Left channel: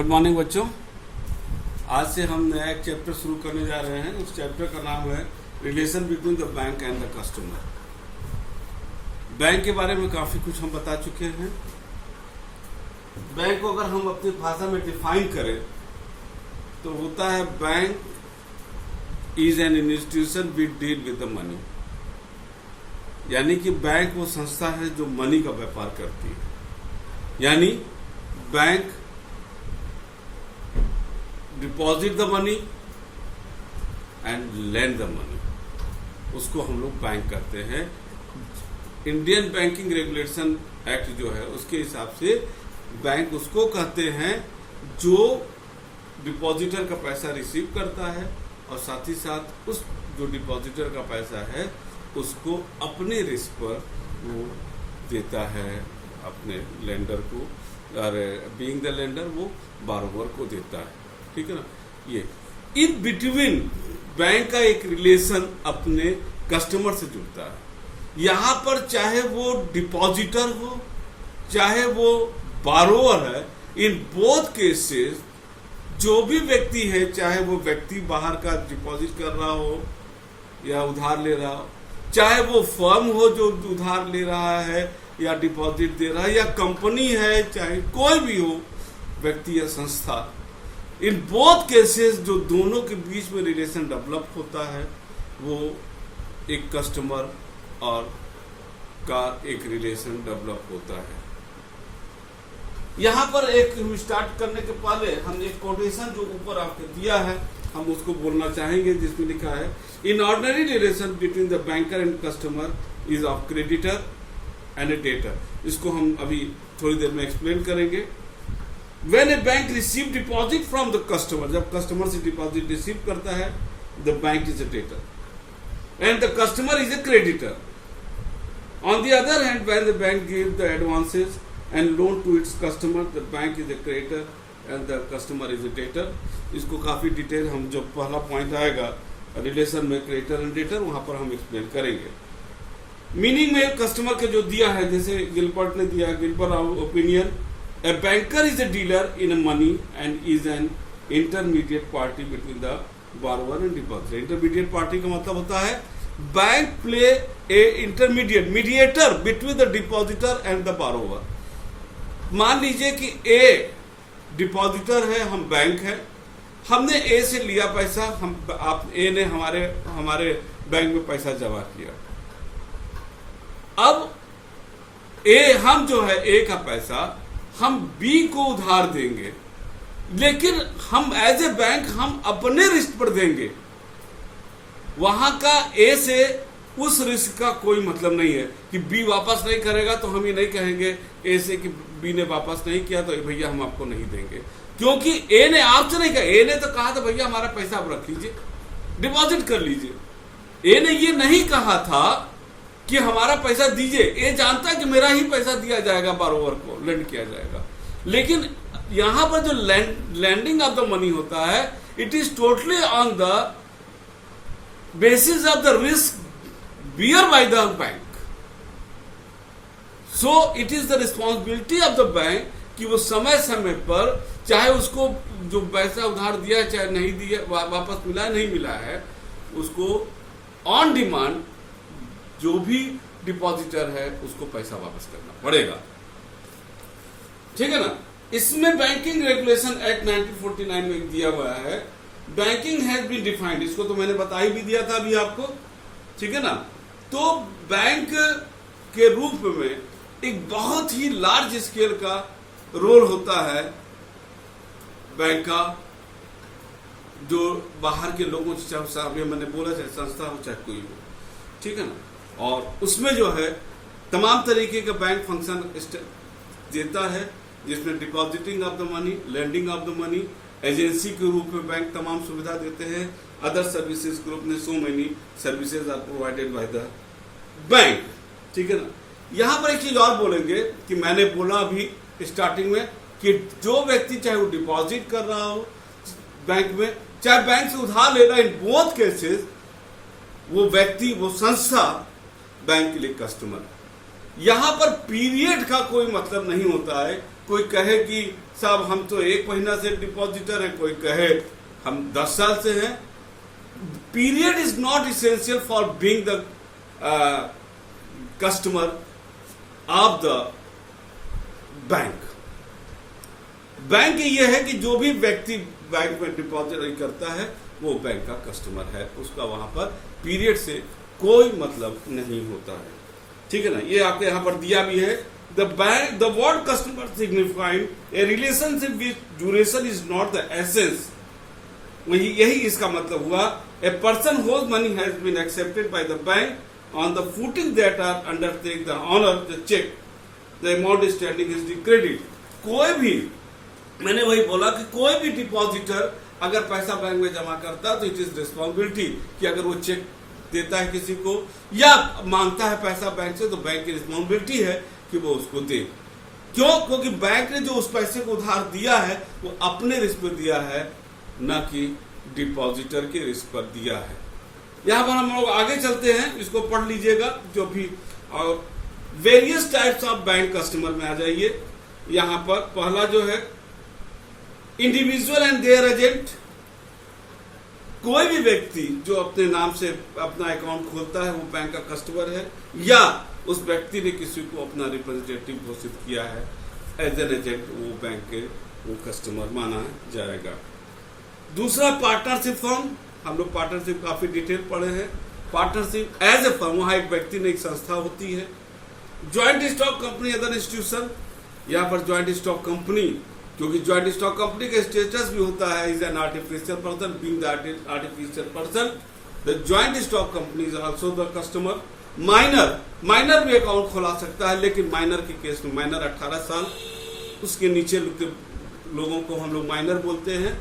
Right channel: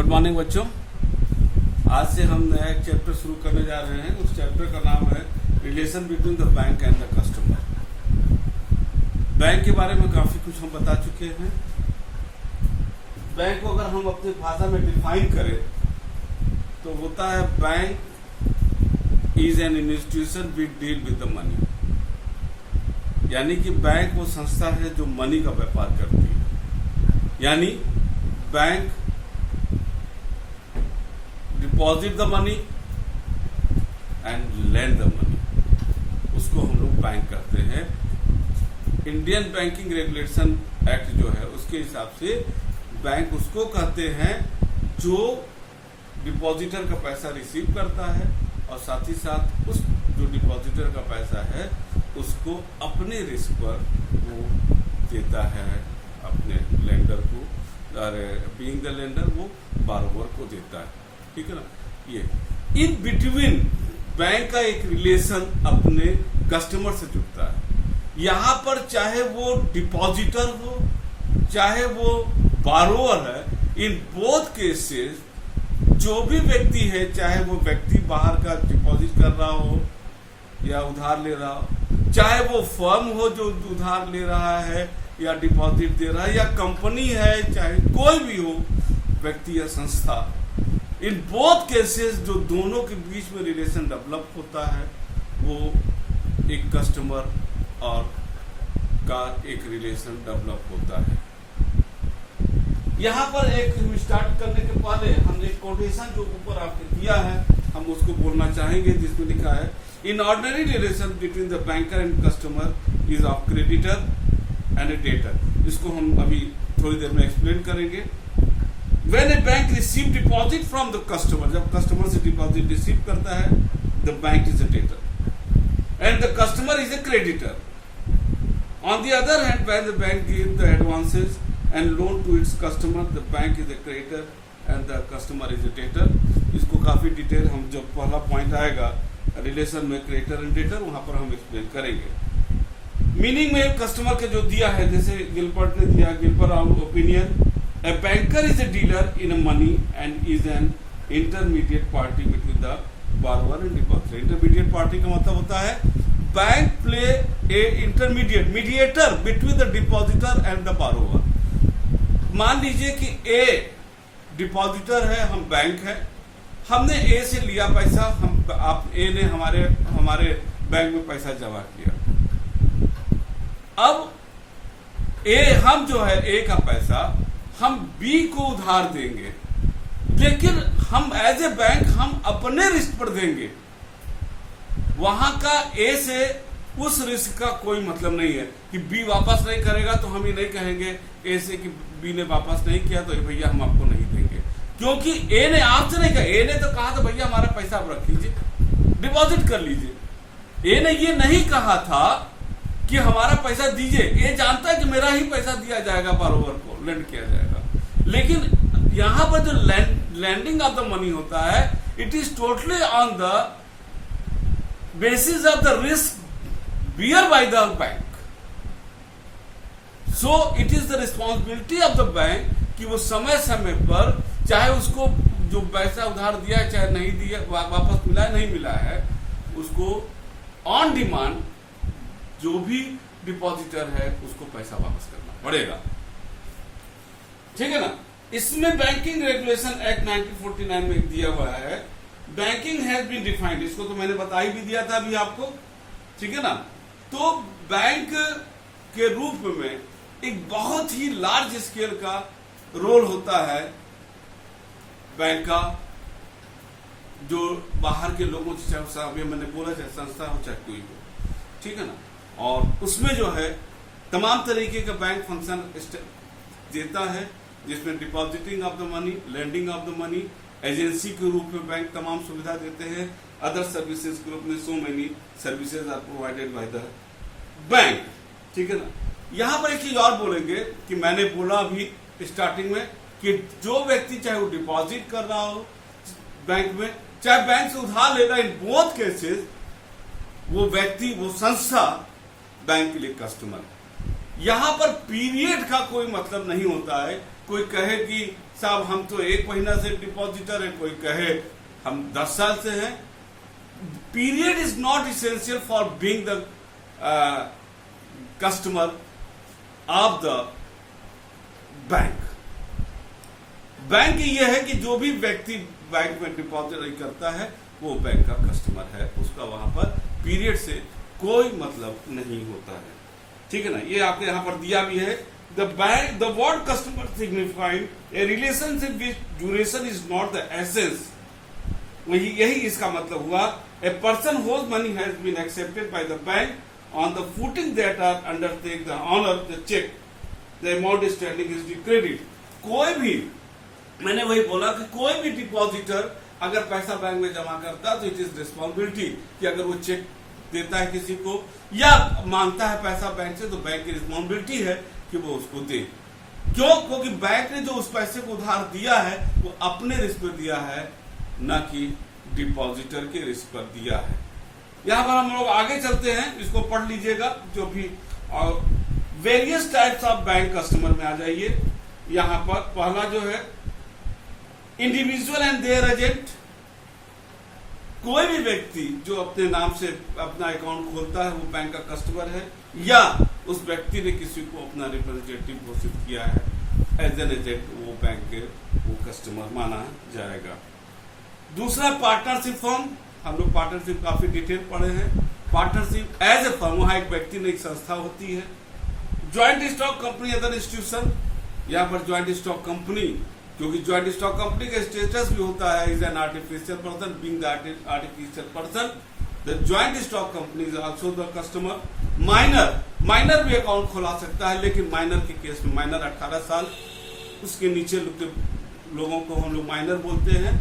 Good morning बच्चों। आज से हम नया एक चैप्टर शुरू करने जा रहे हैं। उस चैप्टर का नाम है relation between the bank and the customer. Bank के बारे में काफी कुछ हम बता चुके हैं। बैंक को अगर हम अपनी भाषा में डिफाइन करें तो होता है bank is an institution which deal with the money. यानी कि बैंक वो संस्था है जो मनी का व्यापार करती है। यानी bank deposit the money and lend the money, उसको हम लोग बैंक कहते हैं। इंडियन बैंकिंग रेगुलेशन एक्ट जो है उसके हिसाब से बैंक उसको कहते हैं जो डिपॉजिटर का पैसा रिसीव करता है और साथ ही साथ उस जो डिपॉजिटर का पैसा है उसको अपने रिस्क पर वो देता है अपने लेंडर को, और बीइंग द लेंडर वो बारोवर को देता है। ठीक है ना। ये इन बिटवीन बैंक का एक रिलेशन अपने कस्टमर से जुड़ता है। यहां पर चाहे वो डिपॉजिटर हो चाहे वो बारोवर है, इन बोथ केसेस जो भी व्यक्ति है, चाहे वो व्यक्ति बाहर का डिपॉजिट कर रहा हो या उधार ले रहा हो, चाहे वो फर्म हो जो उधार ले रहा है या डिपॉजिट दे रहा है, या कंपनी है, चाहे कोई भी हो व्यक्ति या संस्था, इन बोथ केसेस जो दोनों के बीच में रिलेशन डेवलप होता है वो एक कस्टमर और का एक रिलेशन डेवलप होता है। यहां पर एक स्टार्ट करने के पहले हम एक कोटेशन जो ऊपर आपको दिया है हम उसको बोलना चाहेंगे, जिसमें लिखा है in ordinary relation between the banker and customer is of creditor and A debtor. इसको हम अभी थोड़ी देर में एक्सप्लेन करेंगे। When a bank receive deposit from the customer, जब कस्टमर से डिपॉजिट रिसीव करता है, the bank is a debtor and the customer is a creditor. On the other hand, when the bank gives the advances and loan to its customer, the bank is a creditor and the customer is a debtor. इसको काफी detail हम जब पहला point आएगा relation में creditor and debtor, वहां पर हम एक्सप्लेन करेंगे। मीनिंग में कस्टमर के जो दिया है, जैसे गिलबर्ट ने दिया, Gilbert opinion, a banker is a dealer in a money and is an intermediate party between the borrower and depositor. Intermediate party का मतलब होता है bank play a intermediate mediator between the depositor and the borrower. मान लीजिए कि A depositor है, हम bank है, हमने A से लिया पैसा, आप A ने हमारे बैंक में पैसा जमा किया। अब A हम जो है A का पैसा हम बी को उधार देंगे, लेकिन हम एज ए बैंक हम अपने रिस्क पर देंगे। वहां का ए से उस रिस्क का कोई मतलब नहीं है कि बी वापस नहीं करेगा तो हम ये नहीं कहेंगे ए से कि बी ने वापस नहीं किया तो भैया हम आपको नहीं देंगे, क्योंकि ए ने आपसे नहीं कहा। ए ने तो कहा था भैया हमारा पैसा आप रख लीजिए, डिपॉजिट कर लीजिए। ए ने ये नहीं कहा था कि हमारा पैसा दीजिए। ये जानता है कि मेरा ही पैसा दिया जाएगा, बारोवर को लेंड किया जाएगा। लेकिन यहां पर जो लैंडिंग ऑफ द मनी होता है, it is totally on the basis of the risk bear by the bank. So it is the responsibility of the bank कि वो समय समय पर, चाहे उसको जो पैसा उधार दिया चाहे नहीं दिया, वापस मिला नहीं मिला है, उसको ऑन डिमांड जो भी डिपॉजिटर है उसको पैसा वापस करना पड़ेगा। ठीक है ना। इसमें बैंकिंग रेगुलेशन एक्ट 1949 में दिया हुआ है, बैंकिंग हैज बीन डिफाइंड। इसको तो मैंने बता ही भी दिया था अभी आपको। ठीक है ना। तो बैंक के रूप में एक बहुत ही लार्ज स्केल का रोल होता है बैंक का, जो बाहर के लोगों से, चाहे मैंने बोला चाहे संस्था हो चाहे कोई हो। ठीक है ना। और उसमें जो है तमाम तरीके का बैंक फंक्शन देता है, जिसमें depositing of the money, lending of the money, agency के रूप में बैंक तमाम सुविधा देते हैं। अदर सर्विसेज ग्रुप में so many services are provided by the bank. ठीक है ना। यहां पर एक चीज और बोलेंगे कि मैंने बोला अभी स्टार्टिंग में कि जो व्यक्ति चाहे वो डिपॉजिट कर रहा हो बैंक में, चाहे बैंक से उधार ले रहा है, इन बोथ केसेस वो व्यक्ति, वो संस्था बैंक के लिए कस्टमर है। यहां पर पीरियड का कोई मतलब नहीं होता है। कोई कहे कि साहब हम तो 1 महीना से डिपॉजिटर है, कोई कहे हम 10 साल से हैं। Period is not essential for being the customer of the bank. Bank यह है कि जो भी व्यक्ति बैंक में डिपॉजिट करता है वो बैंक का कस्टमर है, उसका वहां पर पीरियड से कोई मतलब नहीं होता है। ठीक है ना, ये आपके यहां पर दिया भी है। The word customer signifying a relationship with duration is not the essence. यही इसका मतलब हुआ। A person whose money has been accepted by the bank on the footing that are undertake the honour the cheque the amount standing is the credit. कोई भी, मैंने वही बोला कि कोई भी डिपॉजिटर अगर पैसा बैंक में जमा करता है तो इट इज रिस्पॉन्सिबिलिटी कि अगर वो चेक देता है किसी को या मांगता है पैसा बैंक से, तो बैंक की रिस्पॉन्सिबिलिटी है कि वो उसको दे। क्यों? क्योंकि बैंक ने जो उस पैसे को उधार दिया है वो अपने रिस्क पर दिया है, न कि डिपॉजिटर के रिस्क पर दिया है। यहां पर हम लोग आगे चलते हैं, इसको पढ़ लीजिएगा जो भी। और various types of bank customer में आ जाइए। यहां पर पहला जो है इंडिविजुअल एंड देयर एजेंट। कोई भी व्यक्ति जो अपने नाम से अपना अकाउंट खोलता है वो बैंक का कस्टमर है, या उस व्यक्ति ने किसी को अपना रिप्रेजेंटेटिव घोषित किया है एज एन एजेंट, वो बैंक के वो कस्टमर माना जाएगा। दूसरा पार्टनरशिप फर्म। हम लोग पार्टनरशिप काफी डिटेल पढ़े हैं। पार्टनरशिप एज ए फर्म, वहां एक व्यक्ति ने एक संस्था होती है। Joint stock company other institution. यहां पर ज्वाइंट स्टॉक कंपनी, क्योंकि ज्वाइंट स्टॉक कंपनी का स्टेटस भी होता है is an artificial person, being the artificial person the joint stock company is also the customer. Minor भी अकाउंट खुला सकता है, लेकिन माइनर के केस में, माइनर 18 साल उसके नीचे लोगों को हम लोग माइनर बोलते हैं।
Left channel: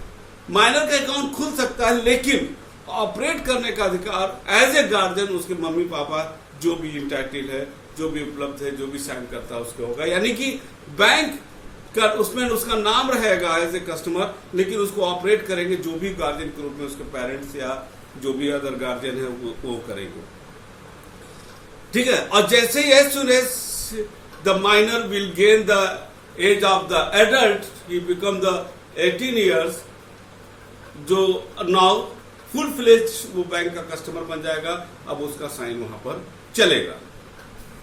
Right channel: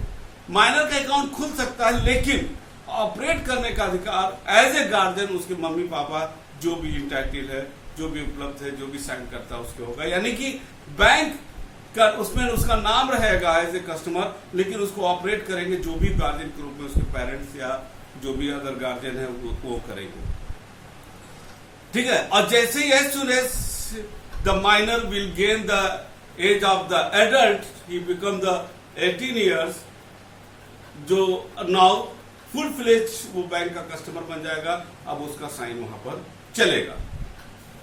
माइनर का अकाउंट खुल सकता है, लेकिन ऑपरेट करने का अधिकार एज ए गार्जियन उसके मम्मी पापा जो भी इंटाइटल है, जो भी उपलब्ध है, जो भी साइन करता है उसके होगा। यानी कि बैंक का उसमें उसका नाम रहेगा एज ए कस्टमर, लेकिन उसको ऑपरेट करेंगे जो भी गार्जियन के रूप में उसके पेरेंट्स या जो भी अदर गार्जियन है वो करेंगे। ठीक है। और जैसे ही as soon as the minor will gain the age of the adult, he become the 18 years, जो नाउ फुल फ्लेज वो बैंक का कस्टमर बन जाएगा। अब उसका साइन वहां पर चलेगा।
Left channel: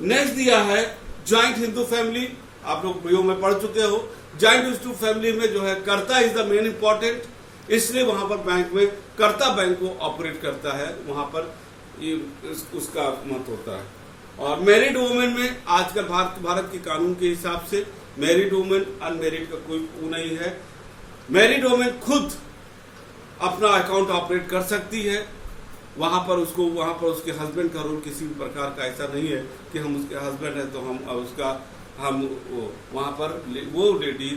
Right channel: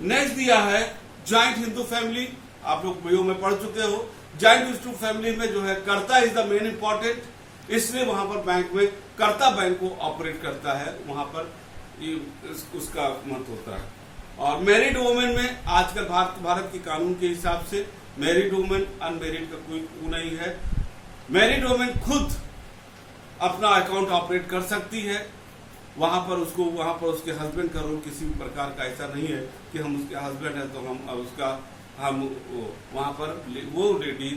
नेक्स्ट दिया है ज्वाइंट हिंदू फैमिली। आप लोग बीओ में पढ़ चुके हो। ज्वाइंट हिंदू फैमिली में जो है कर्ता इज द मेन इंपॉर्टेंट, इसलिए वहां पर बैंक में कर्ता बैंक को ऑपरेट करता है, वहां पर उसका मत होता है। और मैरिड वुमेन में आजकल भारत के कानून के हिसाब से मैरिड वुमेन अनमैरिड का कोई वो नहीं है। मैरिड वुमेन खुद अपना अकाउंट ऑपरेट कर सकती है। वहां पर उसके हस्बैंड का रोल किसी भी प्रकार का ऐसा नहीं है कि हम उसके हस्बैंड हैं तो हम वहां पर वो लेडी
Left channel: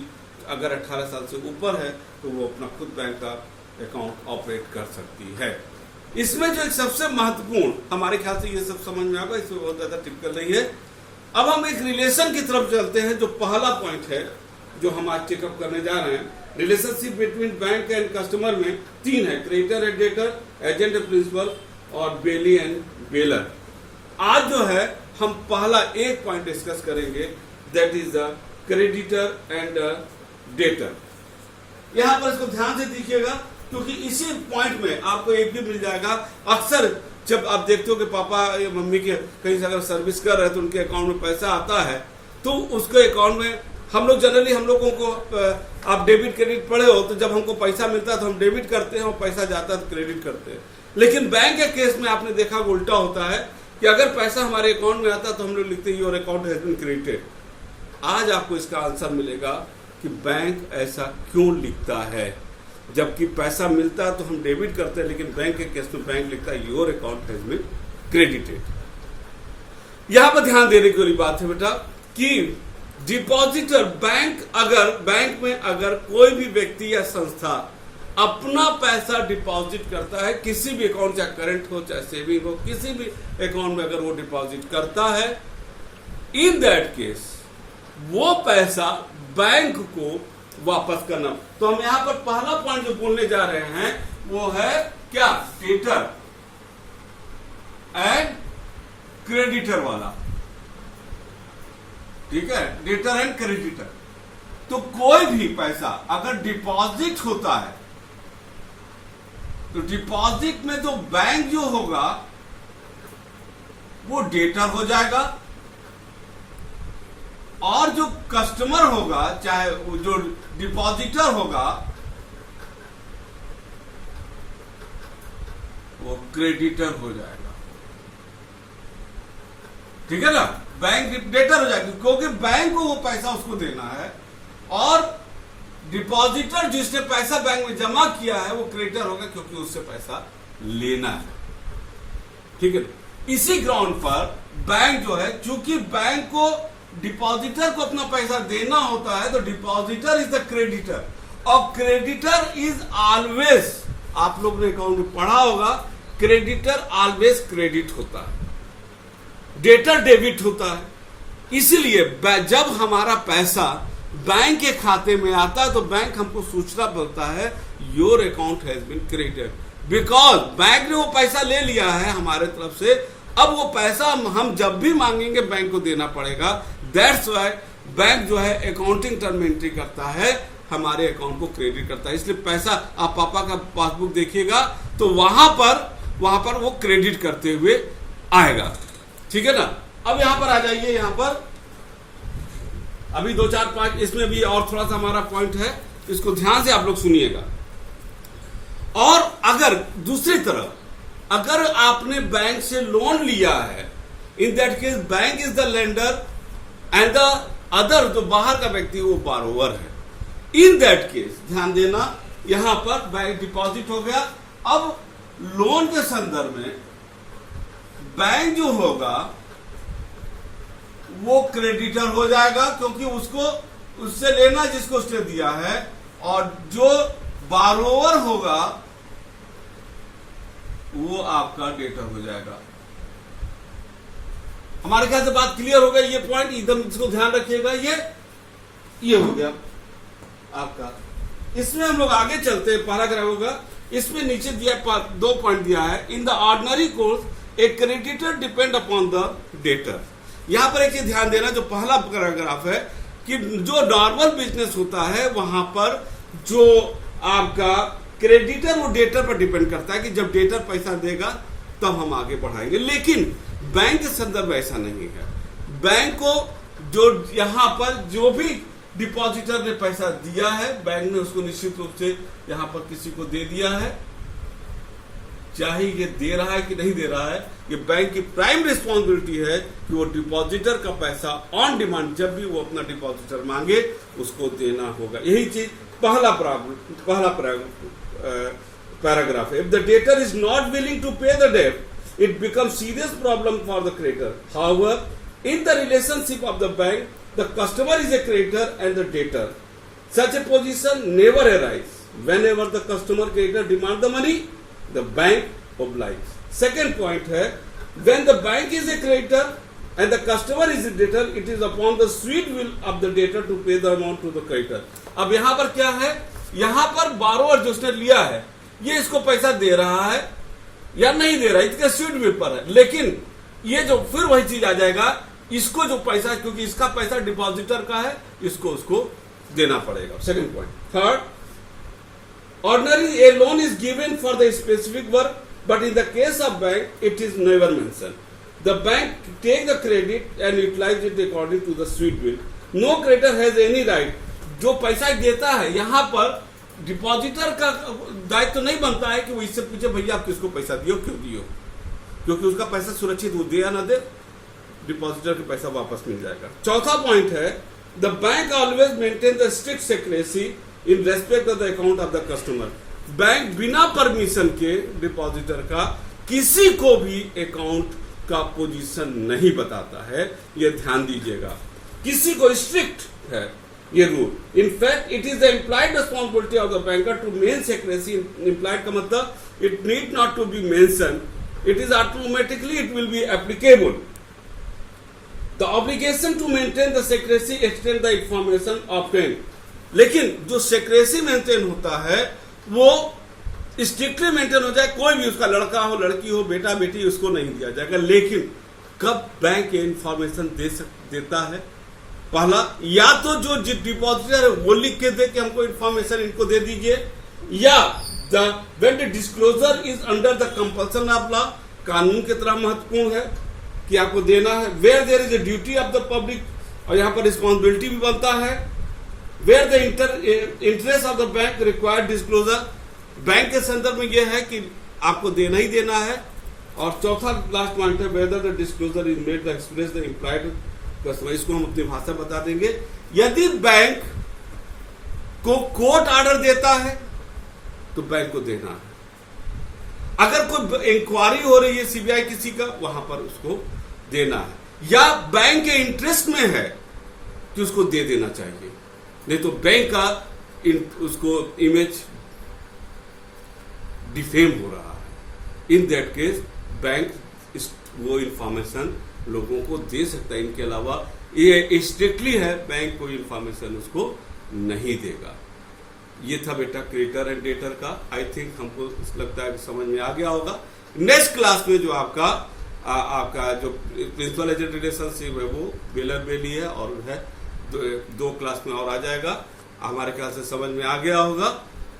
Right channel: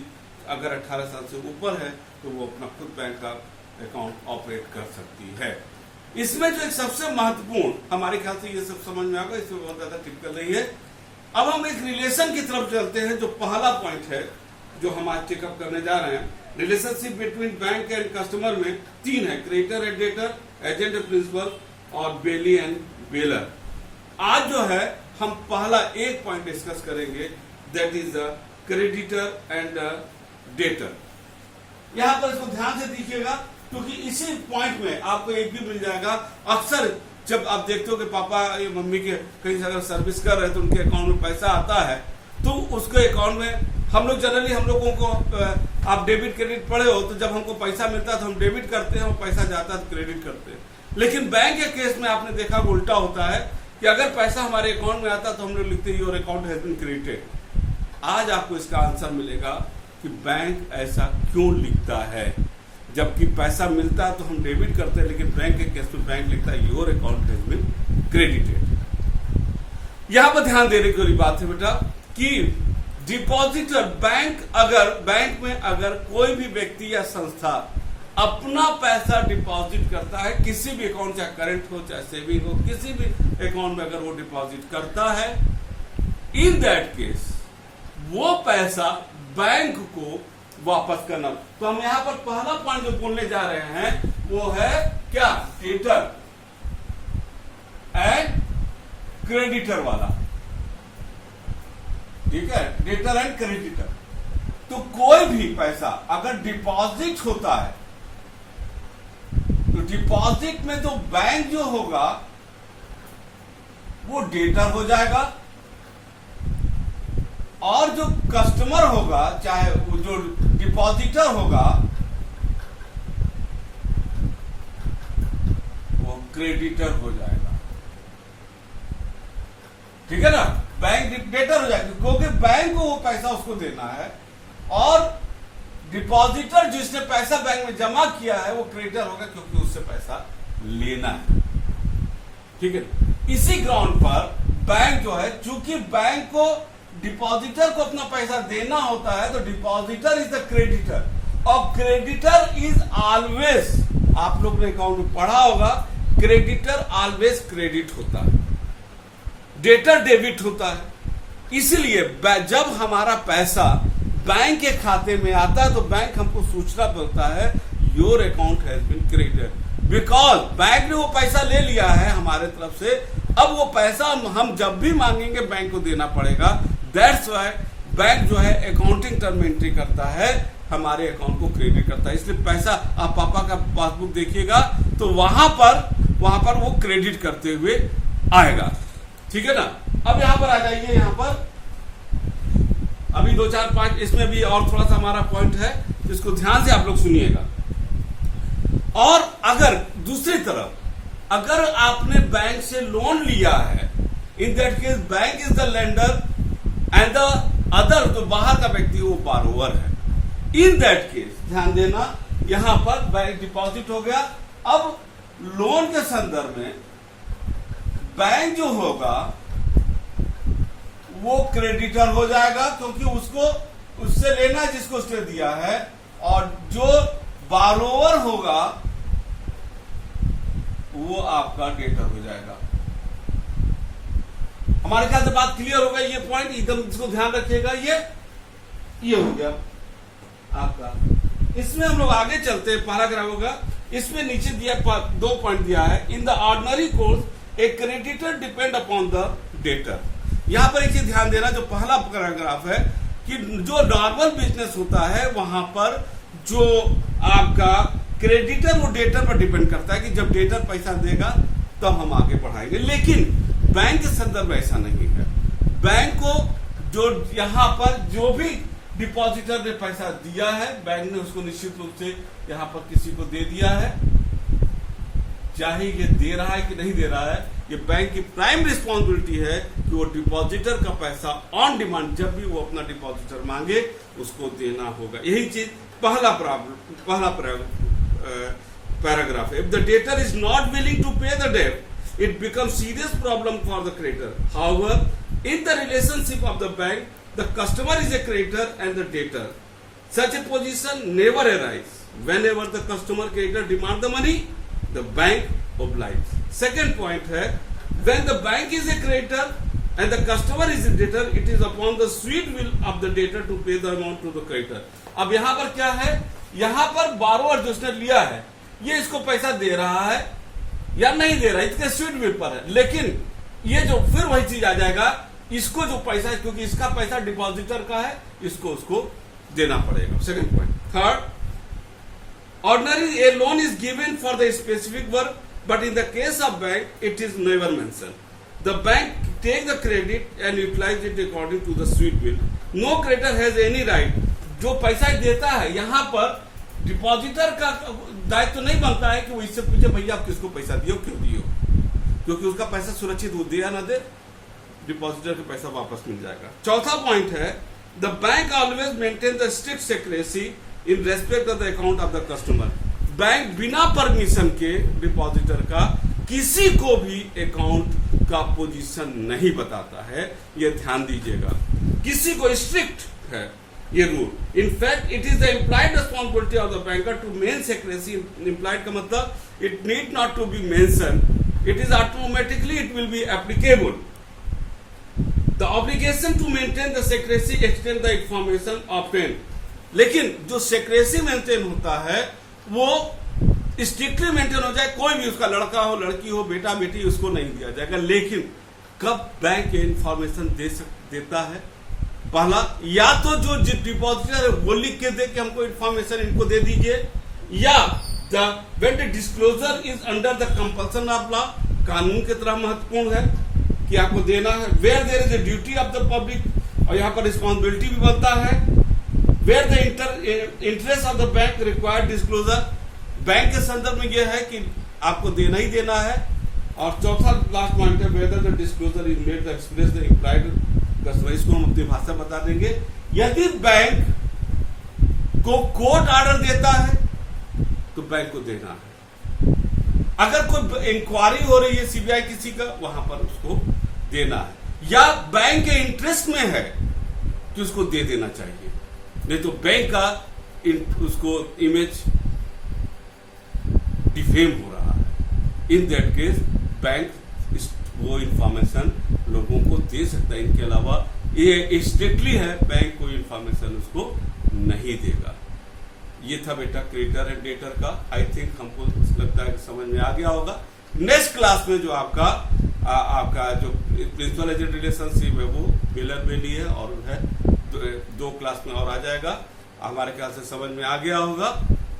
अगर 18 साल से ऊपर है तो वो अपना खुद बैंक का अकाउंट ऑपरेट कर सकती है। इसमें जो एक सबसे महत्वपूर्ण, हमारे ख्याल से ये सब समझ में आएगा, इसमें बहुत ज्यादा टिपिकल नहीं है। अब हम एक रिलेशन की तरफ चलते हैं, जो पहला पॉइंट है जो हम आज चेकअप करने जा रहे हैं। Relationship between bank and customer में 3 है, creditor and debtor, agent and principal और बेली एंड बेलर। आज जो है हम पहला एक पॉइंट डिस्कस करेंगे, that is the creditor and debtor. यहां पर इसको ध्यान से देखिएगा, क्योंकि इसी पॉइंट में आपको एक भी मिल जाएगा। अक्सर जब आप देखते हो कि पापा या मम्मी के कहीं से अगर सर्विस कर रहे हैं तो उनके अकाउंट में पैसा आता है, तो उसके अकाउंट में हम लोग जनरली, हम लोगों को आप डेबिट क्रेडिट पढ़े हो, तो जब हमको पैसा मिलता है तो हम डेबिट करते हैं और पैसा जाता है तो क्रेडिट करते हैं। लेकिन बैंक के केस में आपने देखा उल्टा होता है कि अगर पैसा हमारे अकाउंट में आता है तो हम लोग लिखते हैं your account has been credited. आज आपको इसका आंसर मिलेगा कि बैंक ऐसा क्यों लिखता है। जबकि पैसा मिलता है तो हम डेबिट करते हैं, लेकिन बैंक के केस में बैंक लिखता है your account has been credited. यहां पर ध्यान देने की बात है बेटा कि डिपॉजिटर बैंक में अगर कोई भी व्यक्ति या संस्था अपना पैसा डिपॉजिट करता है, किसी भी अकाउंट, चाहे करंट हो चाहे सेविंग हो, किसी भी अकाउंट में अगर वो डिपॉजिट करता है, इन दैट केस वो पैसा बैंक को वापस करना। तो हम यहां पर पहला पॉइंट जो बोलने जा रहे हैं वो है क्या, डेटर एंड क्रेडिटर वाला। ठीक है, डेटर एंड क्रेडिटर। तो कोई भी पैसा अगर डिपॉजिट होता है तो डिपॉजिट में तो बैंक जो होगा वो डेटर हो जाएगा, और जो कस्टमर होगा चाहे वो जो डिपॉजिटर होगा वो क्रेडिटर हो जाएगा। ठीक है ना, बैंक डेटर हो जाएगा क्योंकि बैंक को वो पैसा उसको देना है, और डिपॉजिटर जिसने पैसा बैंक में जमा किया है वो क्रेडिटर होगा क्योंकि उससे पैसा लेना है। ठीक है, इसी ग्राउंड पर बैंक जो है, चूंकि बैंक को डिपॉजिटर को अपना पैसा देना होता है तो डिपॉजिटर इज द क्रेडिटर, और क्रेडिटर इज ऑलवेज, आप लोग ने अकाउंट में पढ़ा होगा, क्रेडिटर ऑलवेज क्रेडिट होता है, डेटर डेबिट होता है। इसलिए जब हमारा पैसा बैंक के खाते में आता है तो बैंक हमको सूचना देता है your account has been credited, because bank ने वो पैसा ले लिया है हमारे तरफ से, अब वो पैसा हम जब भी मांगेंगे बैंक को देना पड़ेगा। दैट्स वाई बैंक जो है अकाउंटिंग टर्म में एंट्री करता है, हमारे अकाउंट को क्रेडिट करता है। इसलिए पैसा आप पापा का पासबुक देखिएगा तो वहां पर वो क्रेडिट करते हुए आएगा। ठीक है ना, अब यहां पर आ जाइए, यहां पर अभी 2 4 5 इसमें भी और थोड़ा सा हमारा पॉइंट है, इसको ध्यान से आप लोग सुनिएगा। और अगर दूसरी तरफ अगर आपने बैंक से लोन लिया है, in that case bank is the lender and the other, तो बाहर का व्यक्ति वो बारोवर है। इन दैट केस ध्यान देना, यहां पर बैंक डिपॉजिट हो गया, अब लोन के संदर्भ में बैंक जो होगा वो क्रेडिटर हो जाएगा क्योंकि उसको उससे लेना जिसको उसने दिया है, और जो बारोवर होगा वो आपका डेटर हो जाएगा। हमारे ख्याल से बात क्लियर हो गई, ये पॉइंट एकदम इसको ध्यान रखिएगा। ये हो गया आपका। इसमें हम लोग आगे चलते हैं, पैराग्राफ होगा, इसमें नीचे दिया 2 पॉइंट दिया है। In the ordinary course A creditor depend upon the debtor. यहां पर एक ही ध्यान देना, जो पहला पैराग्राफ है कि जो नॉर्मल बिजनेस होता है वहां पर जो आपका क्रेडिटर वो डेटर पर डिपेंड करता है कि जब डेटर पैसा देगा तब हम आगे बढ़ाएंगे, लेकिन बैंक के संदर्भ ऐसा नहीं है। बैंक को जो यहां पर जो भी डिपॉजिटर ने पैसा दिया है, बैंक ने उसको निश्चित रूप से यहां पर किसी को दे दिया है, चाहे ये दे रहा है कि नहीं दे रहा है, ये बैंक की प्राइम रिस्पॉन्सिबिलिटी है कि वो डिपॉजिटर का पैसा ऑन डिमांड जब भी वो अपना डिपॉजिटर मांगे उसको देना होगा। यही चीज पहला पैराग्राफ है। If the debtor is not willing to pay the debt, it becomes serious problem for the creditor. However, in the relationship of the bank, the customer is a creditor and the debtor. Such a position never arises. Whenever the customer creditor demand the money, the bank obliges. Second point है, when the bank is a creditor and the customer is a debtor, it is upon the sweet will of the debtor to pay the amount to the creditor. अब यहाँ पर क्या है, यहाँ पर borrower जो उसने लिया है, ये इसको पैसा दे रहा है या नहीं दे रहा, इसके स्वीट विल पर है, लेकिन ये जो फिर वही चीज आ जाएगा, इसको जो पैसा, क्योंकि इसका पैसा डिपॉजिटर का है, इसको उसको देना पड़ेगा। Second point. Third, ordinary a loan is given for the specific work, but in the case of bank it is never mention. The bank take the credit and utilise it according to the sweet will. No creditor has any right. जो पैसा देता है यहां पर depositor का दायित्व तो नहीं बनता है कि वो इससे पूछे भैया आप किसको पैसा दियो, क्यों दियो, क्योंकि उसका पैसा सुरक्षित, वो दे या ना दे, डिपॉजिटर का पैसा वापस मिल जाएगा। चौथा पॉइंट है, the bank always maintain the strict secrecy in respect of the account of the customer. Bank बिना परमिशन के डिपॉजिटर का किसी को भी अकाउंट का पोजीशन नहीं बताता है, ये ध्यान दीजिएगा। किसी को स्ट्रिक्ट है ये rule. In fact it is the implied responsibility of the banker to main secrecy. Implied का मतलब it need not to be mention, it is automatically it will be applicable. The obligation to maintain the secrecy extend the information obtain. लेकिन जो secrecy maintain होता है वो strictly maintain हो जाए, कोई भी उसका लड़का हो, लड़की हो, बेटा बेटी, उसको नहीं दिया जाएगा। लेकिन कब बैंक ये इंफॉर्मेशन देता है, पहला, या तो जो डिपॉजिटर है वो लिख के दे कि हमको इन्फॉर्मेशन इनको दे दीजिए, या when the disclosure is under the compulsion of law, कानून की तरह महत्वपूर्ण है कि आपको देना है। Where there is the duty of the public, और यहां पर रिस्पॉन्सिबिलिटी भी बनता है। Where the interest of the bank required disclosure, bank के संदर्भ में यह है कि आपको देना ही देना है। और चौथा लास्ट पॉइंट है whether the disclosure is made the express the implied customer, इसको हम अपनी भाषा बता देंगे। यदि बैंक को कोर्ट ऑर्डर देता है तो बैंक को देना है। अगर कोई इंक्वायरी हो रही है सीबीआई किसी का, वहां पर उसको देना है, या बैंक के इंटरेस्ट में है कि उसको दे देना चाहिए, नहीं तो बैंक का उसको इमेज डिफेम हो रहा है। इन दैट केस बैंक वो इंफॉर्मेशन लोगों को दे सकता है। इनके अलावा ये स्ट्रिक्टली है, बैंक कोई इंफॉर्मेशन उसको नहीं देगा। ये था बेटा क्रेडिटर एंड डेटर का। आई थिंक हमको लगता है कि समझ में आ गया होगा। नेक्स्ट क्लास में जो आपका जो प्रिंसिपल एजेंट रिलेशनशिप है वो बेलर बेली है, और है दो क्लास में और आ जाएगा। हमारे ख्याल से समझ में आ गया होगा,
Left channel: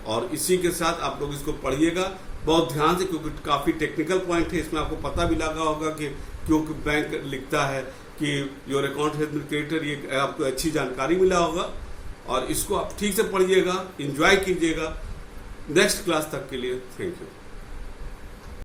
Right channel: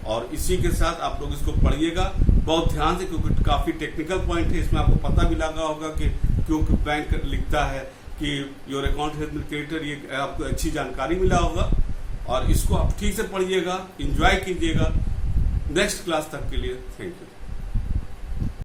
और इसी के साथ आप लोग इसको पढ़िएगा बहुत ध्यान से, क्योंकि काफी टेक्निकल पॉइंट है। इसमें आपको पता भी लगा होगा कि क्योंकि बैंक लिखता है कि your account has been credited, ये आपको अच्छी जानकारी मिला होगा। और इसको आप ठीक से पढ़िएगा, एंजॉय कीजिएगा। नेक्स्ट क्लास तक के लिए थैंक यू।